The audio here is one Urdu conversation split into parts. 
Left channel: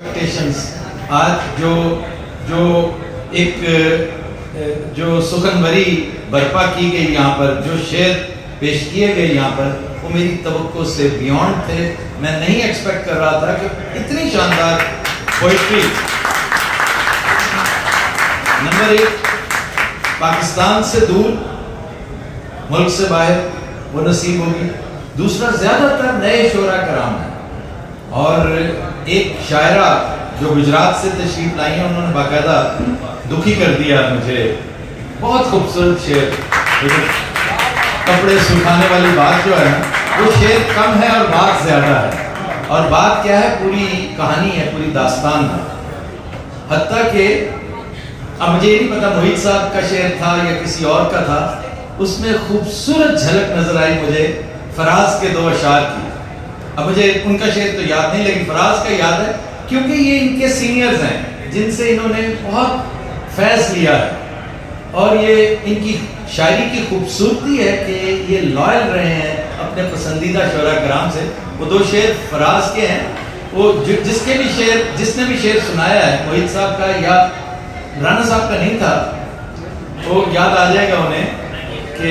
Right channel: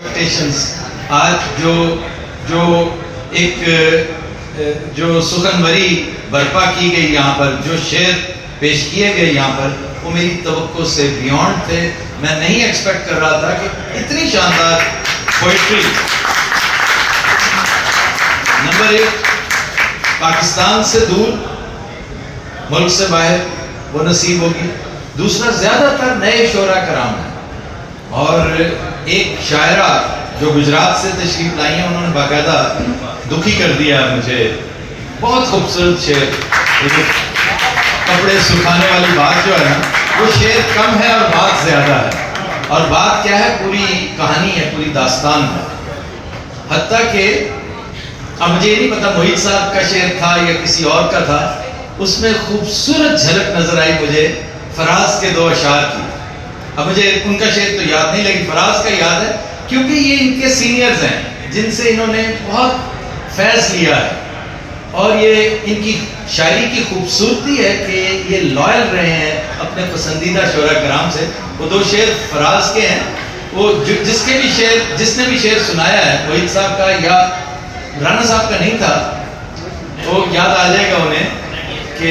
آج جو سخنوری برپا کی گئی یہاں پر، جو شعر پیش کیے گئے یہاں پر، وہ میری توقع سے بیونڈ تھے. میں نہیں ایکسپیکٹ کر رہا تھا کہ اتنی شاندار پوئٹری نمبر 1 پاکستان سے دور، ملک سے باہر وہ نصیب ہوگی. دوسرا، زیادہ تر نئے شعراء کرام ہیں، اور ایک شاعرہ جو گجرات سے تشریف لائی ہیں، انہوں نے باقاعدہ دکھی کر دیا مجھے. بہت خوبصورت شعر، کپڑے سکھانے والی بات جو ہے وہ شعر کم ہے اور بات زیادہ ہے. اور بات کیا ہے؟ پوری کہانی ہے، پوری داستان ہے. حتیٰ کہ اب مجھے نہیں پتا محیط صاحب کا شعر تھا یا کسی اور کا تھا، اس میں خوبصورت جھلک نظر آئی مجھے فراز کے 2 اشعار کی. اب مجھے ان کا شعر تو یاد نہیں، لیکن فراز کا یاد ہے، کیونکہ یہ ان کے سینئرز ہیں جن سے انہوں نے بہت فیض لیا ہے. اور یہ ان کی شاعری کی خوبصورتی ہے کہ یہ لائل رہے ہیں اپنے پسندیدہ شعراء کرام سے. وہ 2 شعر فراز کے ہیں. وہ جس نے بھی شعر سنایا ہے، محیط صاحب کا یا رانا صاحب کا نہیں تھا، وہ یاد آ جائے گا انہیں کہ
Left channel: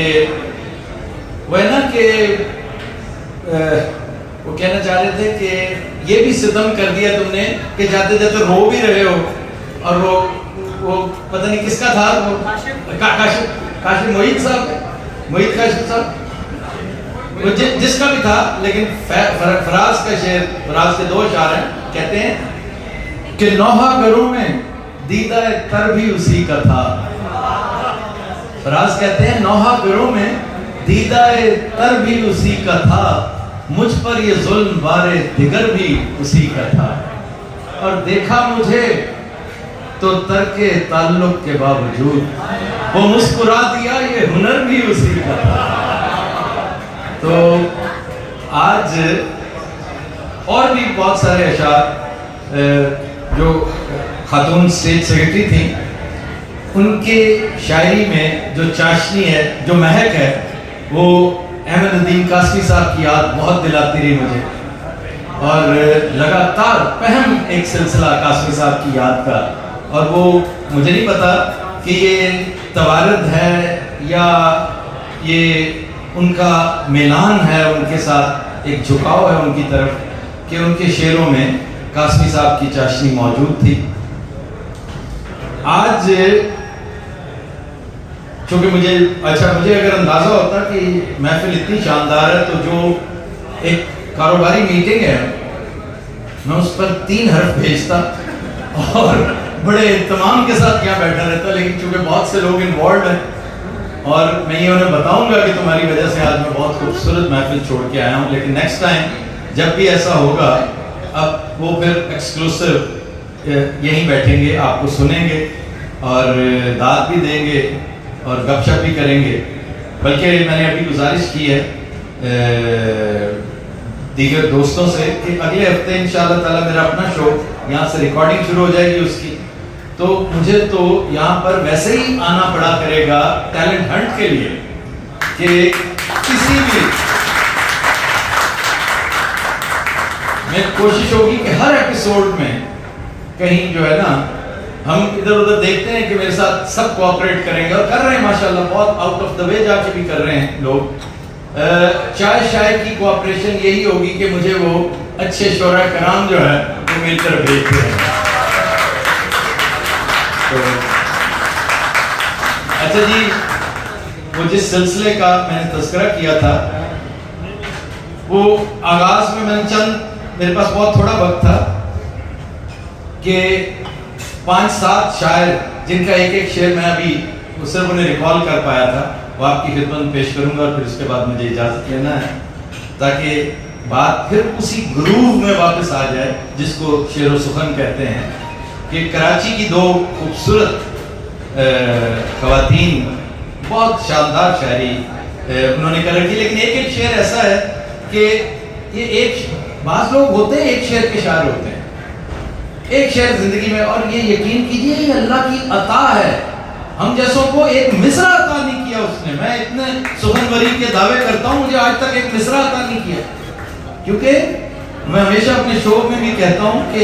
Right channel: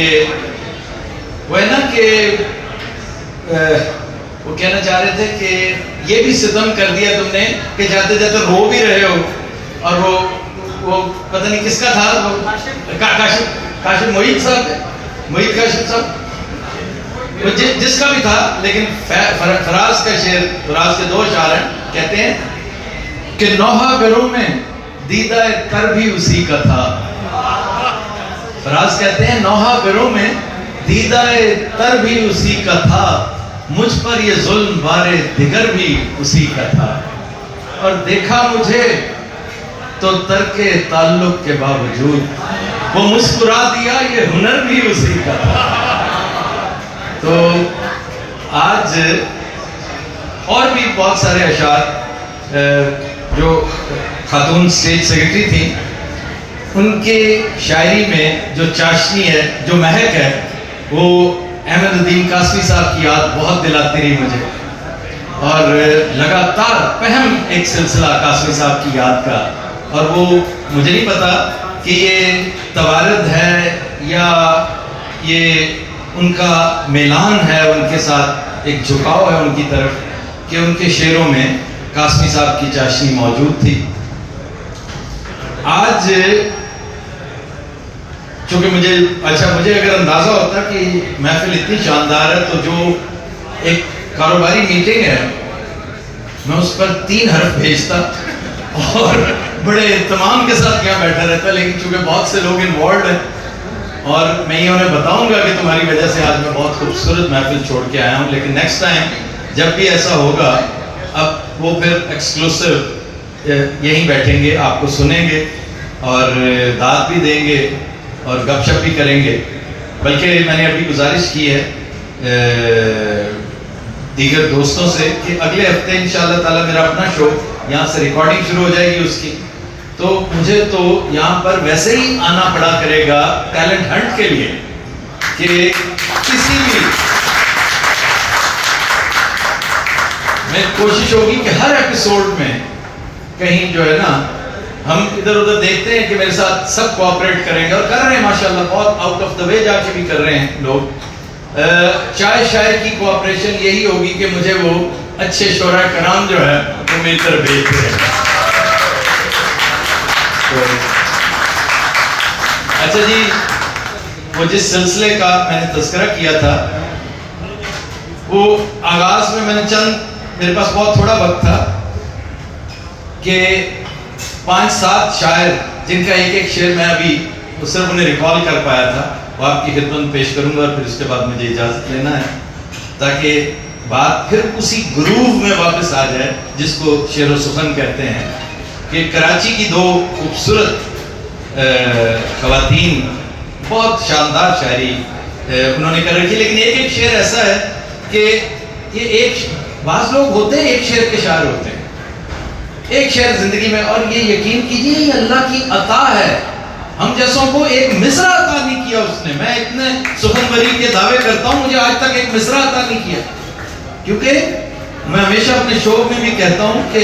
وہ ہے نا کہ وہ کہنا چاہ رہے تھے کہ یہ بھی ستم کر دیا تم نے کہ جاتے جاتے رو بھی رہے ہو. اور وہ پتہ نہیں کس کا تھا، وہ کاشف محیط صاحب، محیط کاشف صاحب، جس کا بھی تھا. لیکن فراز کا شعر، فراز کے 2 اشعار ہیں. کہتے ہیں کہ نوحہ گروں میں دیدہ تر بھی اسی کا تھا. فراز کہتے ہیں نوحہ گروں میں دیدہ تر بھی اسی کا تھا، مجھ پر یہ ظلم وارے دیگر بھی اسی کا تھا. اور دیکھا مجھے تو ترک تعلق کے باوجود وہ مسکرا دیا، یہ ہنر بھی اسی کا تھا. تو آج اور بھی بہت سارے اشعار، جو خاتون سٹیج سیکرٹری تھیں، ان کے شاعری میں جو چاشنی ہے، جو مہک ہے، وہ احمد الدین قاسمی صاحب کی یاد بہت دلاتی رہی مجھے. اور لگاتار پہم ایک سلسلہ قاسمی صاحب کی یاد کا. اور وہ مجھے نہیں پتا کہ یہ توارد ہے یا یہ ان کا میلان ہے، ان کے ساتھ ایک جھکاؤ ہے ان کی طرف، کہ ان کے شعروں میں قاسمی صاحب کی چاشنی موجود تھی. آج چونکہ مجھے اگر اندازہ ہوتا کہ محفل اتنی شاندار ہے تو جو ایک کاروباری میٹنگ ہے میں اس پر 3 حرف بھیجتا اور بڑے اہتمام کے ساتھ یہاں بیٹھا رہتا. لیکن چونکہ بہت سے لوگ انوالوڈ ہیں اور میں یہ انہیں بتاؤں گا کہ تمہاری وجہ سے آج میں بہت خوبصورت محفل چھوڑ کے آیا ہوں. لیکن نیکسٹ ٹائم جب بھی ایسا ہوگا، اب وہ پھر ایکسکلوسیو یہیں بیٹھیں گے، آپ کو سنیں گے اور داد بھی دیں گے اور گپ شپ بھی کریں گے. بلکہ میں نے ابھی گزارش کی ہے دیگر دوستوں سے کہ اگلے ہفتے انشاءاللہ تعالی میرا اپنا شو یہاں سے ریکارڈنگ شروع ہو جائے گی اس کی. تو مجھے تو یہاں پر ویسے ہی آنا پڑا کرے گا ٹیلنٹ ہنٹ کے لیے، کہ کسی بھی میں کوشش ہوگی کہ ہر ایپیسوڈ میں کہیں جو ہے نا ہم ادھر ادھر دیکھتے ہیں کہ میرے ساتھ سب کوآپریٹ کریں گے، اور کر رہے ہیں ماشاءاللہ، بہت آؤٹ آف دا وے جا کے بھی کر رہے ہیں لوگ. چائے شائے کی کوآپریشن یہی ہوگی کہ مجھے وہ اچھے شعراء کرام جو ہے وہ مل کر بھیجتے ہیں. اچھا جی، وہ جس سلسلے کا میں نے تذکرہ کیا تھا، وہ آغاز میں نے میرے پاس بہت تھوڑا وقت تھا کہ 5-7 شاعر جن کا ایک شعر میں ابھی صرف انہیں ریکال کر پایا تھا، وہ آپ کی خدمت میں پیش کروں گا. اور پھر اس کے بعد مجھے اجازت لینا ہے تاکہ بات پھر اسی گروو میں واپس آ جائے جس کو شعر و سخن کہتے ہیں. کہ کراچی کی 2 خوبصورت خواتین بہت شاندار شاعری انہوں نے کر رکھی. لیکن ایک شعر ایسا ہے کہ یہ بعض لوگ ہوتے ہیں ایک شعر کے شاعر ہوتے ہیں، ایک شعر زندگی میں، اور یہ یقین کیجئے یہ اللہ کی عطا ہے. ہم جیسوں کو ایک مصرع عطا نہیں کیا اس نے. میں اتنے سخنوری کے دعوے کرتا ہوں، مجھے آج تک ایک مصرع عطا نہیں کیا. کیونکہ میں ہمیشہ اپنے شو میں بھی کہتا ہوں کہ